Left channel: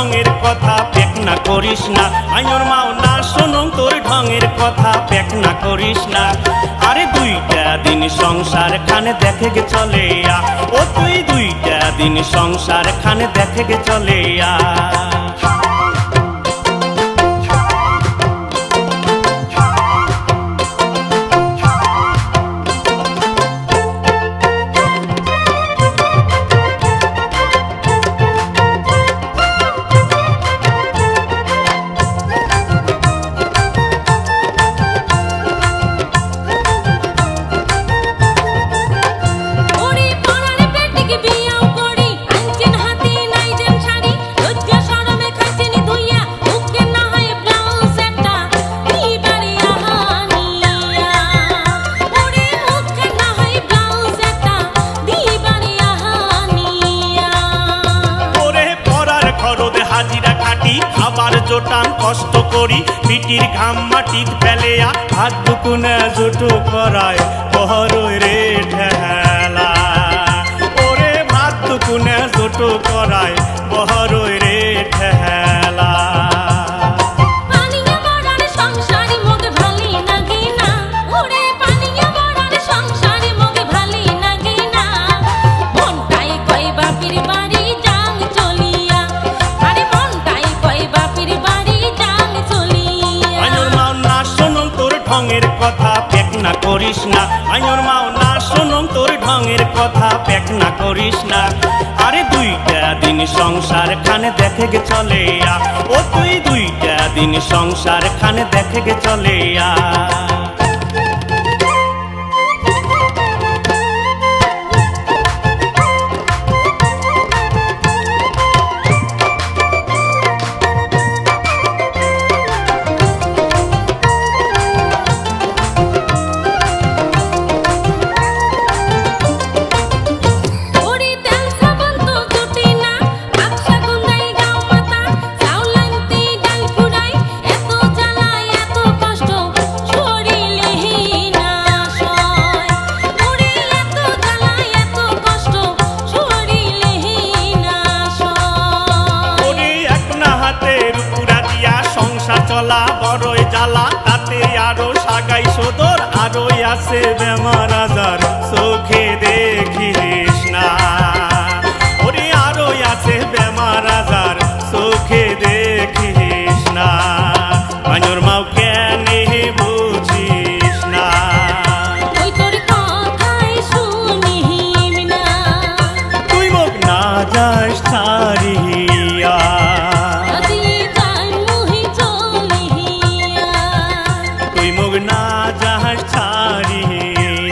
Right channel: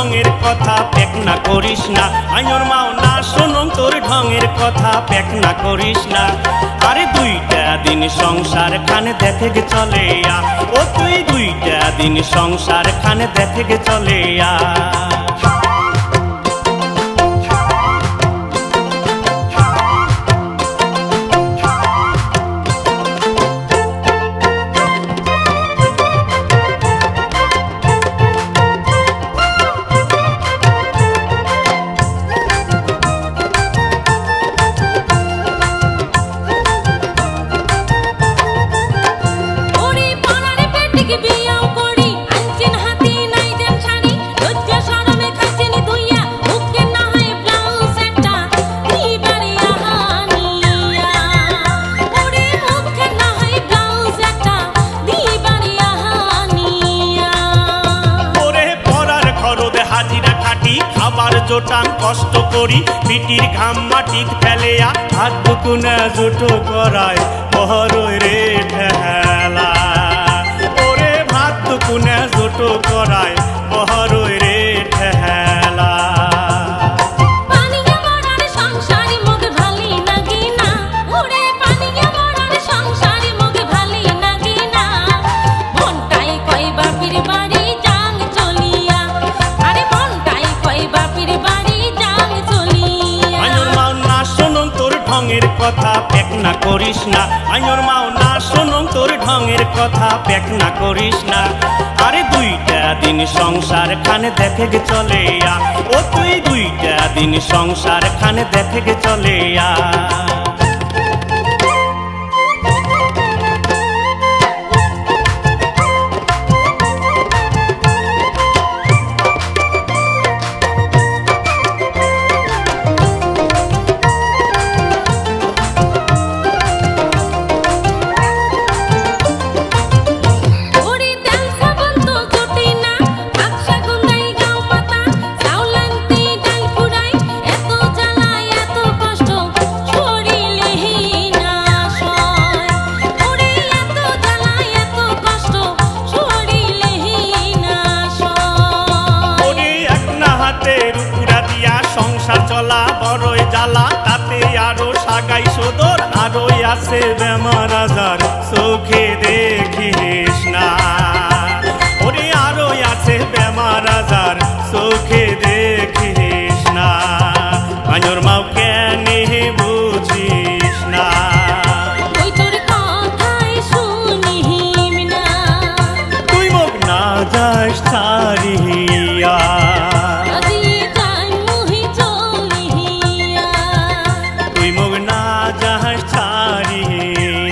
ঢঙের কথা পেক না করিস না আইনোর মাও না শোনং তোর ঢঙের কথা পেক না করিস না আরে দুইটা দিন সংসার খানে দেখে গে চলে ও তুই দুইটা দিন সংসার খানে দেখে গে চলে হাজিরা খাটি খাবার জোটান কষ্ট করি পিটির ঘাম মাটিত ফেলেয়া হাত দুকুনে জুটো করায় বহরই রে ঠেলা ওরে ভাত দুকুনে জুটো করায় বহরই রে ঠেলা শোনং তোর ঢঙের কথা পেক না করিস না আইনোর মাও না শোনং তোর ঢঙের কথা পেক না করিস না আরে দুইটা দিন সংসার খানে দেখে গে চলে ও তুই দুইটা দিন সংসার খানে দেখে গে চলে সংসার চলা বড়ই জ্বালা তাতে আরো সাগাই সদর আরো আছে বেমার আজার চোখে দেখিস না ওরে আরো আছে বেমার আজার চোখে দেখিস না আইনোর মাও কেন বুঝিস না ওই তোর কথাই শুনিম না তুই মোক না যাস ছাড়িয়া তুই মোক না যাস ছাড়িয়া